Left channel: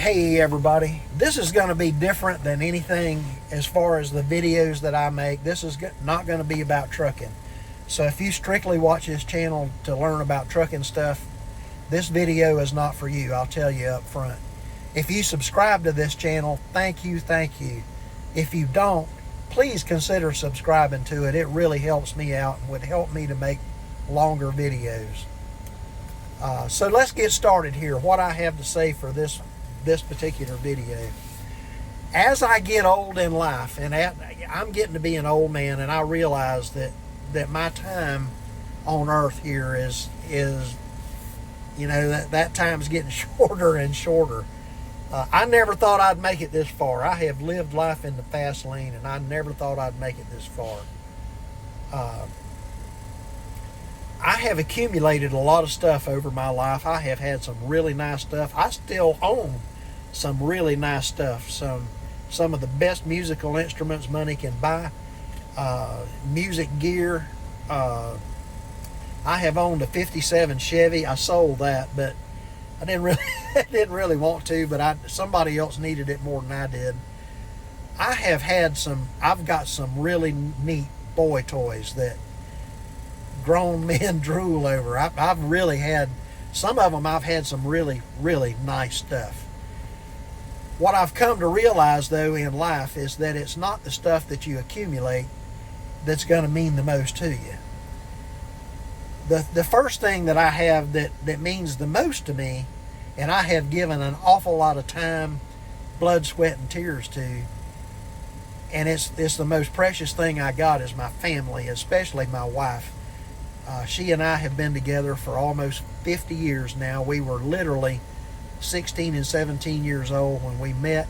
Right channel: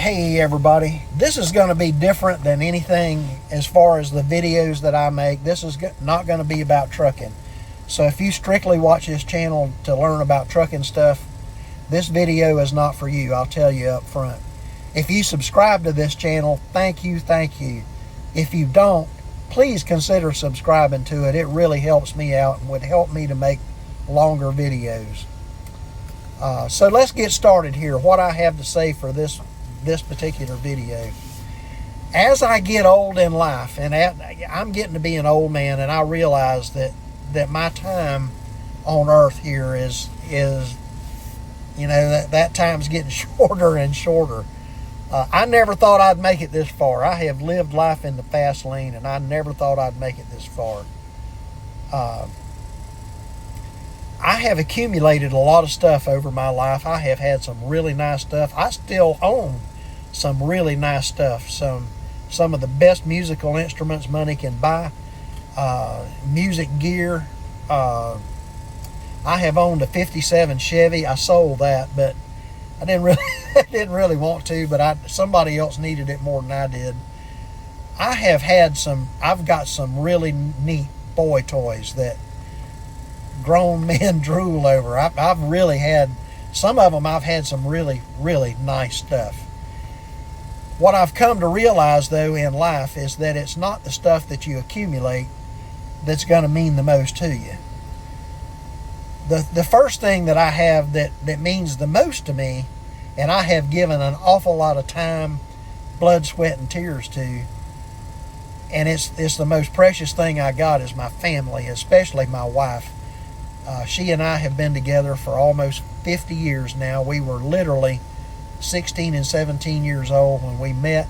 Hey everybody, this is going to be different than anything as far as the videos that I make. This is not going to be about trucking. So if you strictly watch this channel to learn about trucking stuff, this video is not for you. I'll tell you up front. If you subscribe to this channel, thank you. If you don't, please consider subscribing to it. It really helps me out and would help me to make longer videos. So let's get started here. What I have to say for this particular video. As I get old in life, and I'm getting to be an old man, and I realize that my time on earth here is you know, that time's getting shorter and shorter. I never thought I'd make it this far. I have lived life in the fast lane, and I never thought I'd make it this far. I have accumulated a lot of stuff over my life. I have had some really nice stuff. I still own some really nice stuff. Some of the best musical instruments money can buy. Music gear. I have owned a '57 Chevy. I sold that, but I didn't really want to. But somebody else needed it more than I did. I've got some really neat boy toys that grown men drool over. I've really had some of them. I've had some really nice stuff. What I've come to realize though in life is that it's not the stuff that you accumulate that's going to mean the most to you. The first thing that I have that means the most to me, and I have given an awful lot of time, blood, sweat, and tears to, and it's the most precious thing I got, is my family, especially my wife. She and I have been together for almost 50 years now. We were literally 16 and 17 years old when we met,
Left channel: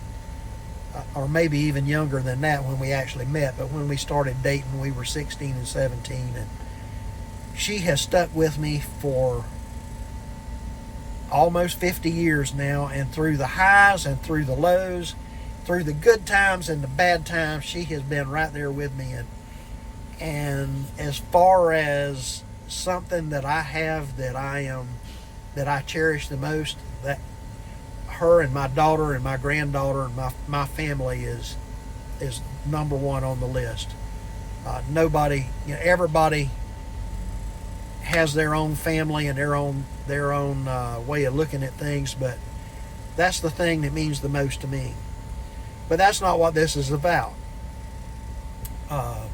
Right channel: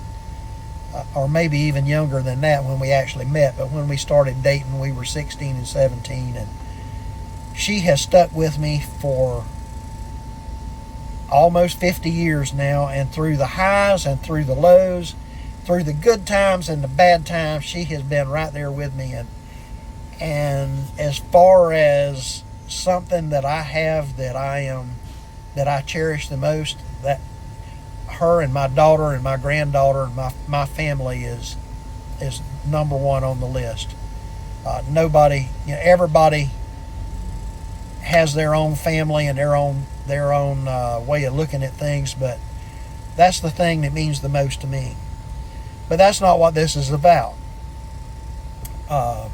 or maybe even younger than that when we actually met. But when we started dating, we were 16 and 17. And she has stuck with me for almost 50 years now. And through the highs and through the lows, through the good times and the bad times, she has been right there with me. And as far as something that I have that I cherish the most, that her and my daughter and my granddaughter and my family is number one on the list. Nobody, everybody has their own family and their own way of looking at things, but that's the thing that means the most to me. But that's not what this is about. I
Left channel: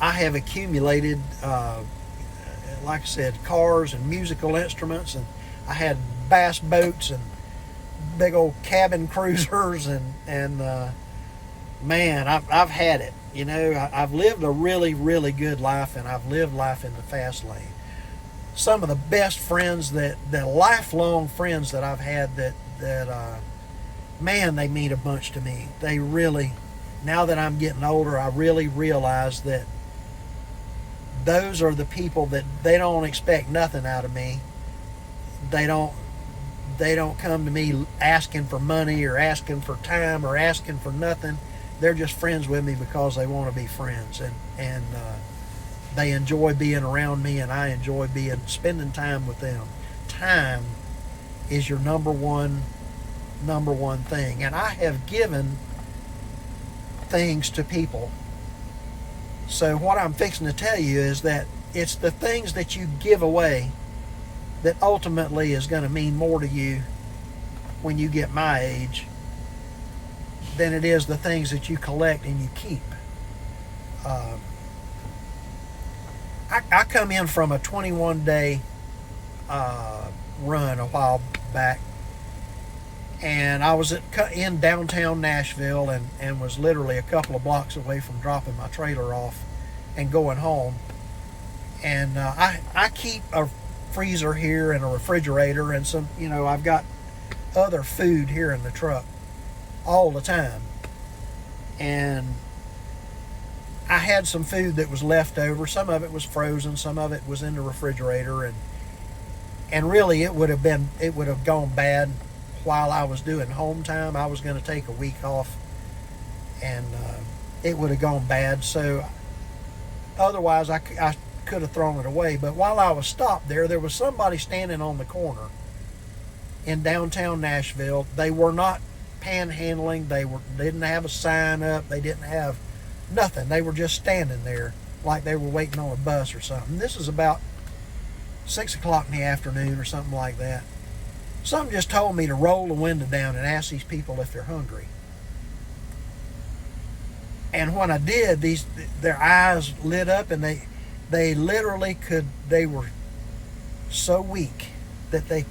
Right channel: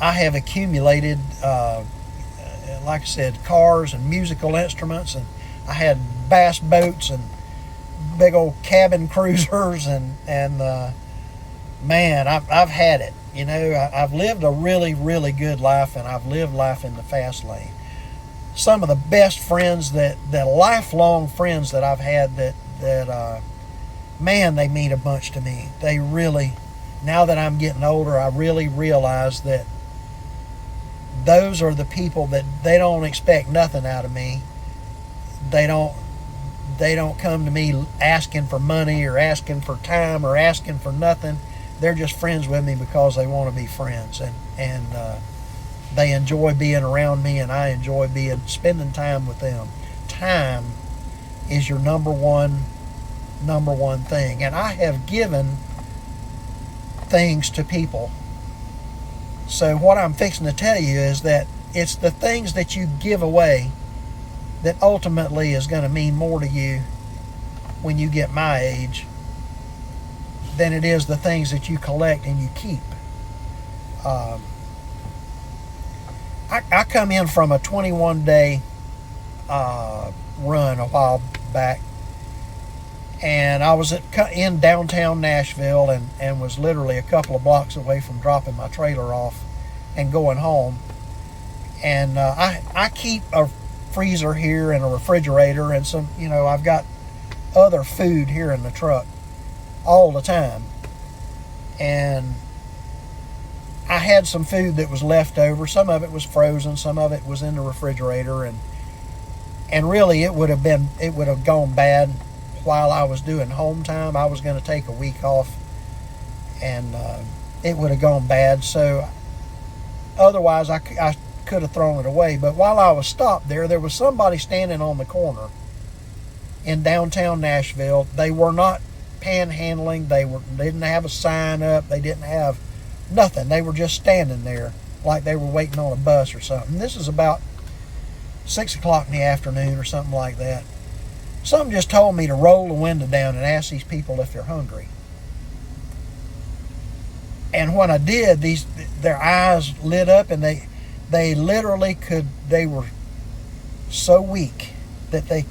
have accumulated, like I said, cars and musical instruments, and I had bass boats and big old cabin cruisers, and man, I've had it. You know, I've lived a really good life, and I've lived life in the fast lane. Some of the best friends, that lifelong friends that I've had, that man, they mean a bunch to me. They really, now that I'm getting older, I really realize that those are the people that they don't expect nothing out of me. They don't come to me asking for money or asking for time or asking for nothing. They're just friends with me because they want to be friends, and they enjoy being around me, and I enjoy spending time with them. Time is your number one thing, and I have given things to people. So what I'm fixing to tell you is that it's the things that you give away that ultimately is going to mean more to you when you get my age than it is the things that you collect and you keep. I come in from a 21-day run a while back, and I was in downtown Nashville, and was literally a couple of blocks away from dropping my trailer off and going home. And I keep a freezer here and a refrigerator, and some, you know, I've got other food here in the truck all the time. And I had some food that was left over. Some of it was frozen, some of it was in the refrigerator, and really it would have gone bad while I was doing home time. I was going to take a week off, and it would have gone bad. So otherwise I could have thrown it away. But while I was stopped there was somebody standing on the corner in downtown Nashville. They were not panhandling. They didn't have a sign up. They didn't have nothing. They were just standing there like they were waiting on a bus or something. This is about 6 o'clock in the afternoon or something like that. Something just told me to roll the window down and ask these people if they're hungry. And when I did, their eyes lit up, and they literally could. They were so weak that they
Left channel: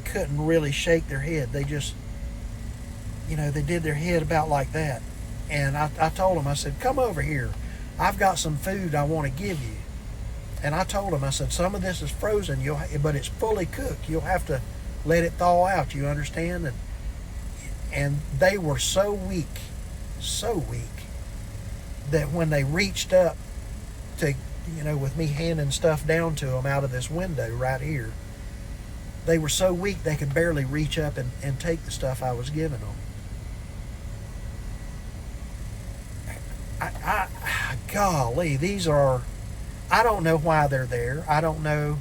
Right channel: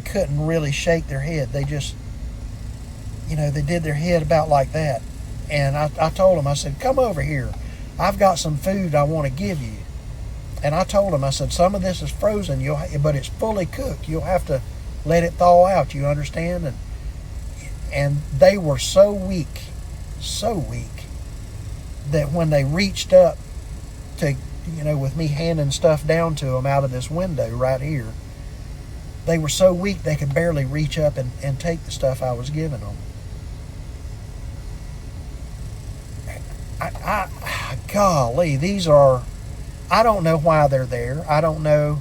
couldn't really shake their head. They just, they did their head about like that. And I told them, I said, come over here. I've got some food I want to give you. And I told them, I said, some of this is frozen, but it's fully cooked. You'll have to let it thaw out, you understand? And they were so weak, that when they reached up to, with me handing stuff down to them out of this window right here, they were so weak they could barely reach up and take the stuff I was giving them. Golly, I don't know why they're there. I don't know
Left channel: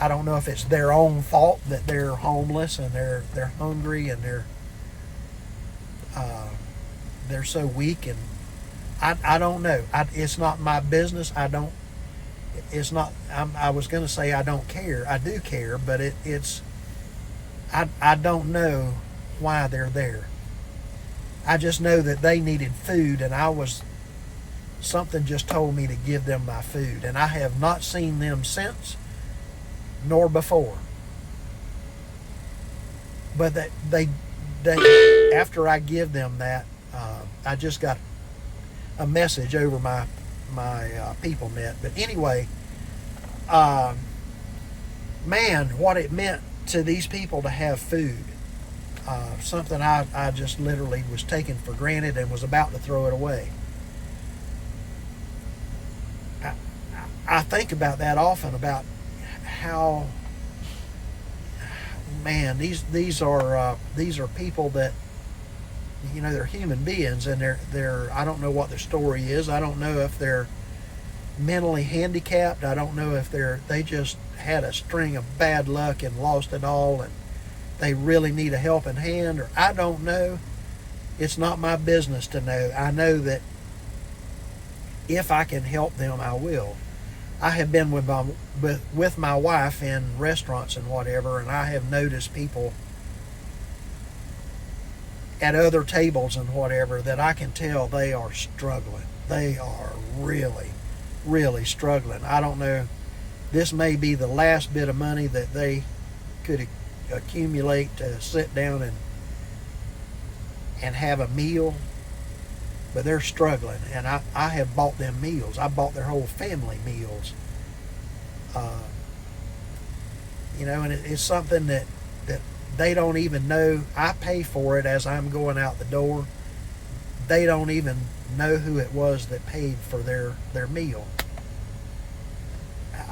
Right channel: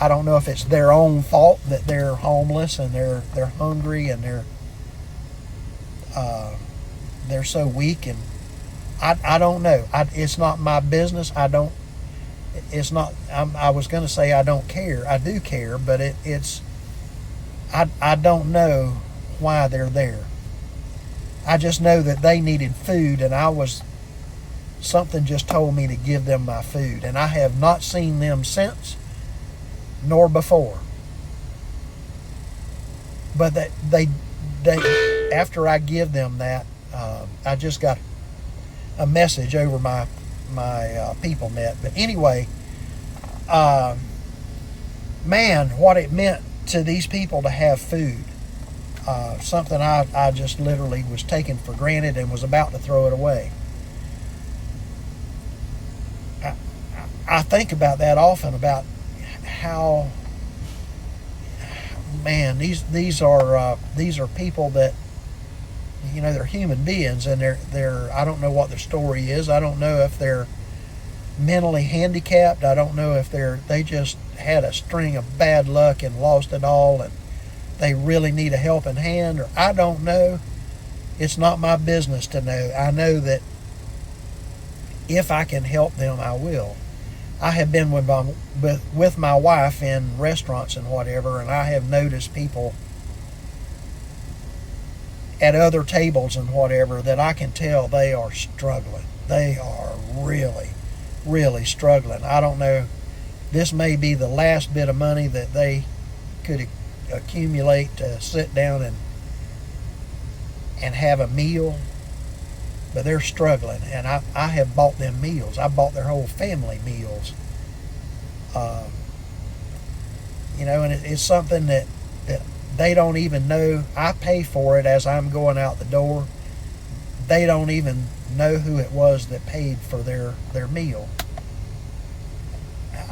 if it's their own fault that they're homeless and they're hungry and they're so weak, and I don't know. It's not my business. I was going to say I don't care. I do care, but I don't know why they're there. I just know that they needed food, and something just told me to give them my food, and I have not seen them since, nor before. But they after I give them that, I just got a message over my people net. But anyway, man, what it meant to these people to have food. Something I just literally was taking for granted and was about to throw it away. I think about that often, about how, man, these are people that, they're human beings, and they're I don't know what their story is. I don't know if they're mentally handicapped. I don't know if they just had a string of bad luck and lost it all, and they really need a helping hand, or I don't know. It's not my business to know. I know that if I can help them, I will. I have been with my wife in restaurants and whatever, and I have noticed people at other tables and whatever that I can tell they are struggling. They are really, really struggling. I don't know. This may be the last bit of money that they could accumulate to sit down and have a meal, but they're struggling, and I have bought them meals. I bought their whole family meals, and it's something that they don't even know. I pay for it as I'm going out the door. They don't even know who it was that paid for their meal.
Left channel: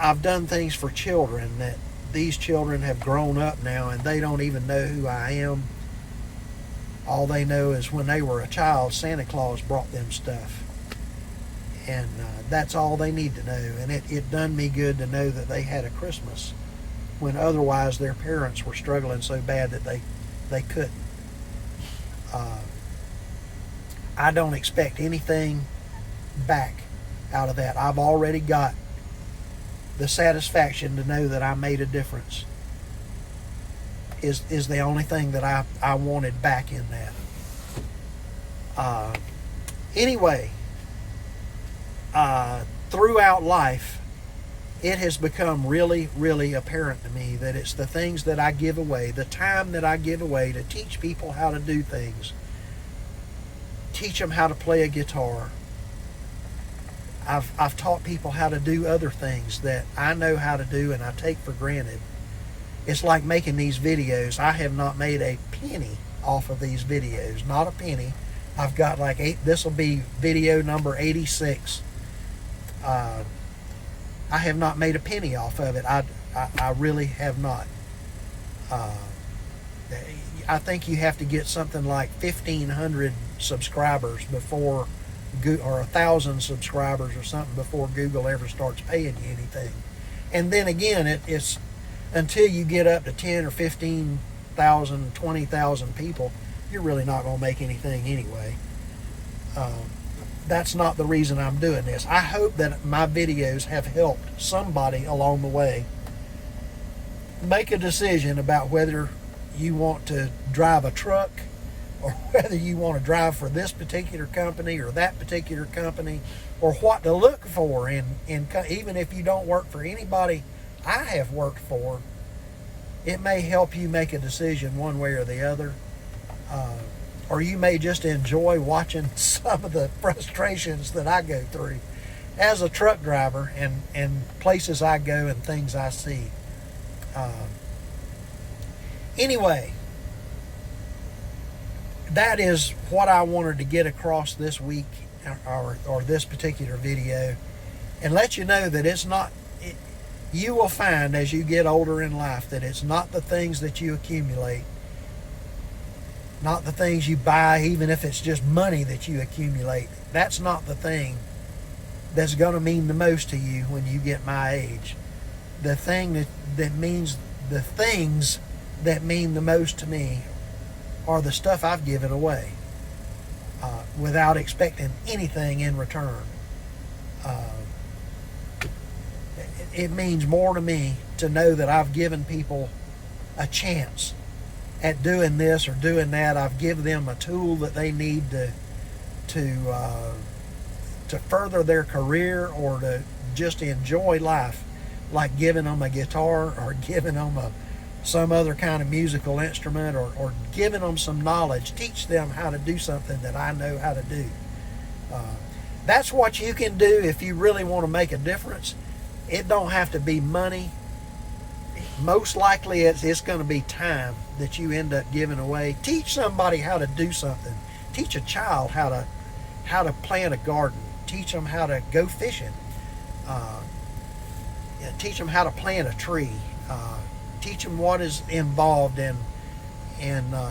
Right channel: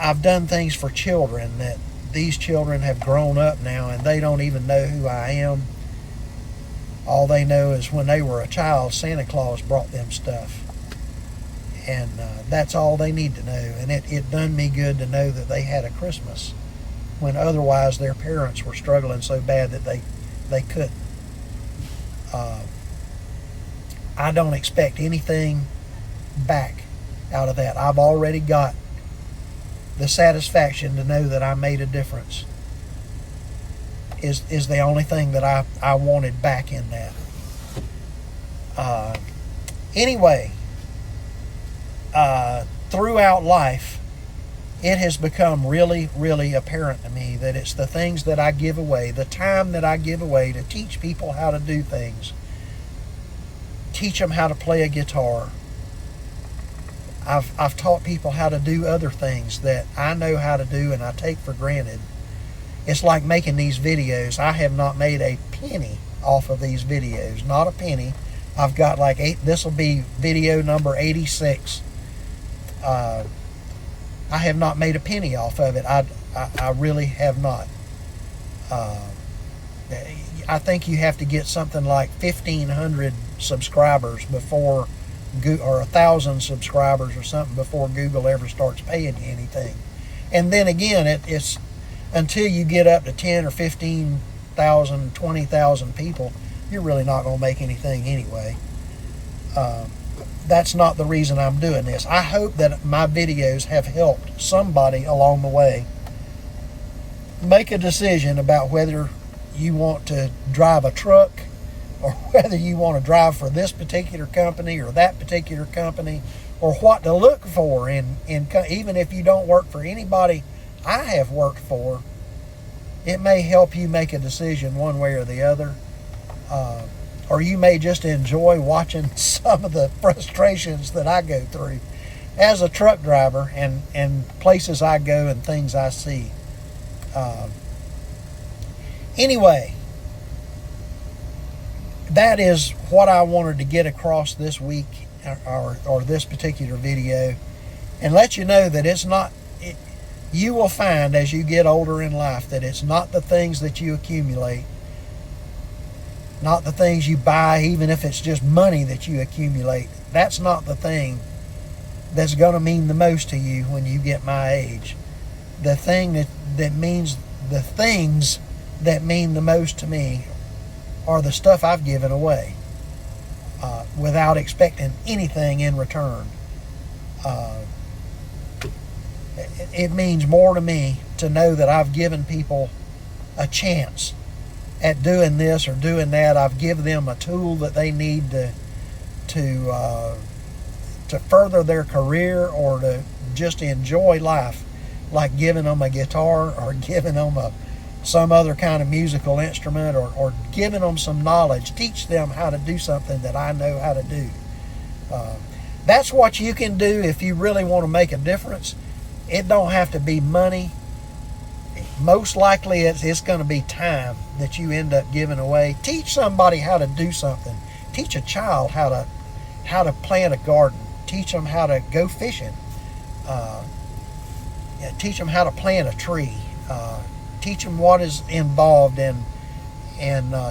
I've done things for children that these children have grown up now, and they don't even know who I am. All they know is when they were a child, Santa Claus brought them stuff. And that's all they need to know. And it done me good to know that they had a Christmas when otherwise their parents were struggling so bad that they couldn't. I don't expect anything back out of that. I've already got the satisfaction to know that I made a difference is the only thing that I wanted back in that. Anyway, throughout life, it has become really, really apparent to me that it's the things that I give away, the time that I give away to teach people how to do things, teach them how to play a guitar. I've taught people how to do other things that I know how to do and I take for granted. It's like making these videos. I have not made a penny off of these videos. Not a penny. I've got like 8. This will be video number 86. I have not made a penny off of it. I really have not. I think you have to get something like 1,500 subscribers before, or 1,000 subscribers or something before Google ever starts paying you anything. And then again, until you get up to 10 or 15,000, 20,000 people, you're really not going to make anything anyway. That's not the reason I'm doing this. I hope that my videos have helped somebody along the way make a decision about whether you want to drive a truck or whether you want to drive for this particular company or that particular company, or what to look for. And even if you don't work for anybody I have worked for, it may help you make a decision one way or the other. Or you may just enjoy watching some of the frustrations that I go through as a truck driver, and places I go and things I see. Anyway, that is what I wanted to get across this week, or this particular video, and let you know that it's not, you will find as you get older in life that it's not the things that you accumulate, not the things you buy, even if it's just money that you accumulate. That's not the thing that's going to mean the most to you when you get my age. The thing that means, the things that mean the most to me are the stuff I've given away without expecting anything in return. It means more to me to know that I've given people a chance at doing this or doing that. I've given them a tool that they need to further their career, or to just enjoy life, like giving them a guitar, or giving them some other kind of musical instrument, or giving them some knowledge, teach them how to do something that I know how to do. That's what you can do if you really want to make a difference. It don't have to be money. Most likely it's going to be time that you end up giving away. Teach somebody how to do something. Teach a child how to plant a garden. Teach them how to go fishing. Teach them how to plant a tree. Teach them what is involved in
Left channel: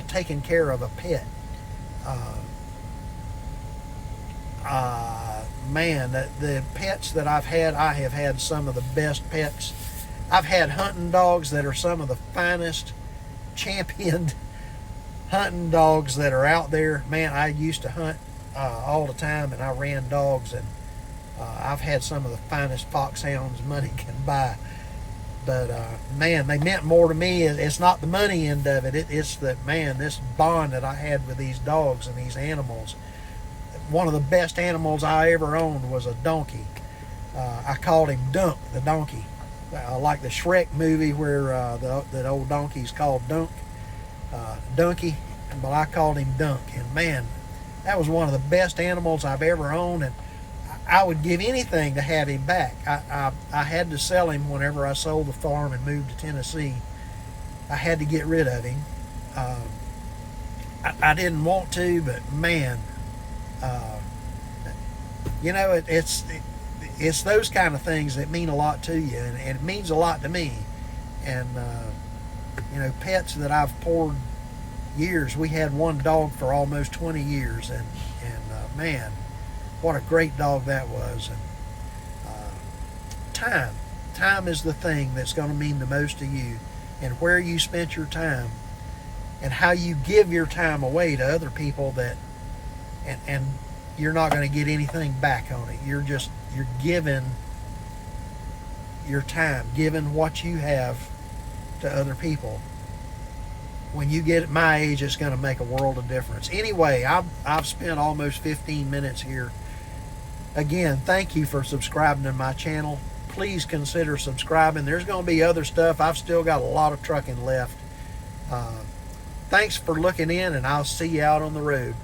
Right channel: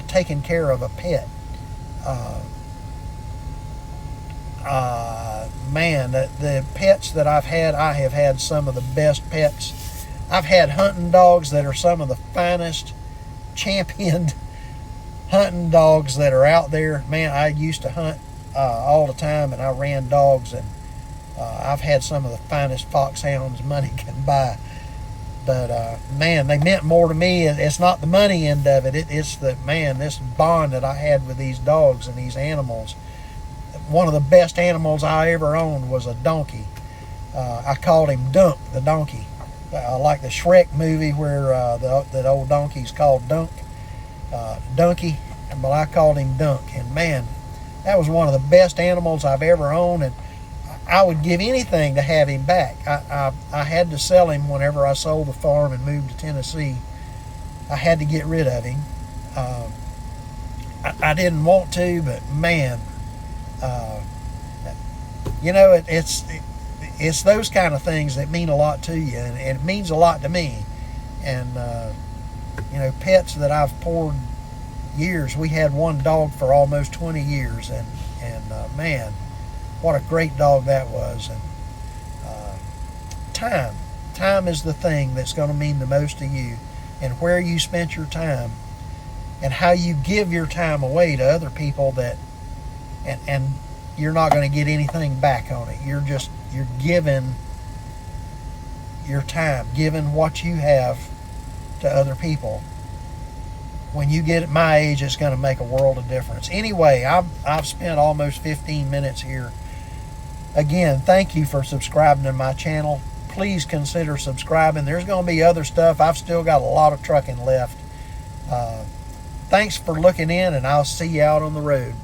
taking care of a pet. Man, the pets that I have had some of the best pets. I've had hunting dogs that are some of the finest, championed hunting dogs that are out there. Man, I used to hunt all the time, and I ran dogs, and I've had some of the finest foxhounds money can buy. But man, they meant more to me. It's not the money end of it. It's the, man, this bond that I had with these dogs and these animals. One of the best animals I ever owned was a donkey. I called him Dunk, the donkey. Like the Shrek movie where that old donkey's called Dunk, Donkey, but I called him Dunk. And man, that was one of the best animals I've ever owned, and I would give anything to have him back. I had to sell him whenever I sold the farm and moved to Tennessee. I had to get rid of him. I didn't want to, but man, you know, it's those kind of things that mean a lot to you, and it means a lot to me. And you know, pets that I've poured years. We had one dog for almost 20 years, and man, what a great dog that was. And time is the thing that's going to mean the most to you, and where you spent your time, and how you give your time away to other people, that and you're not going to get anything back on it. You're giving your time, giving what you have to other people. When you get at my age, it's going to make a world of difference. Anyway, I've spent almost 15 minutes here. Again, thank you for subscribing to my channel. Please consider subscribing. There's going to be other stuff. I've still got a lot of trucking left. Thanks for looking in, and I'll see you out on the road.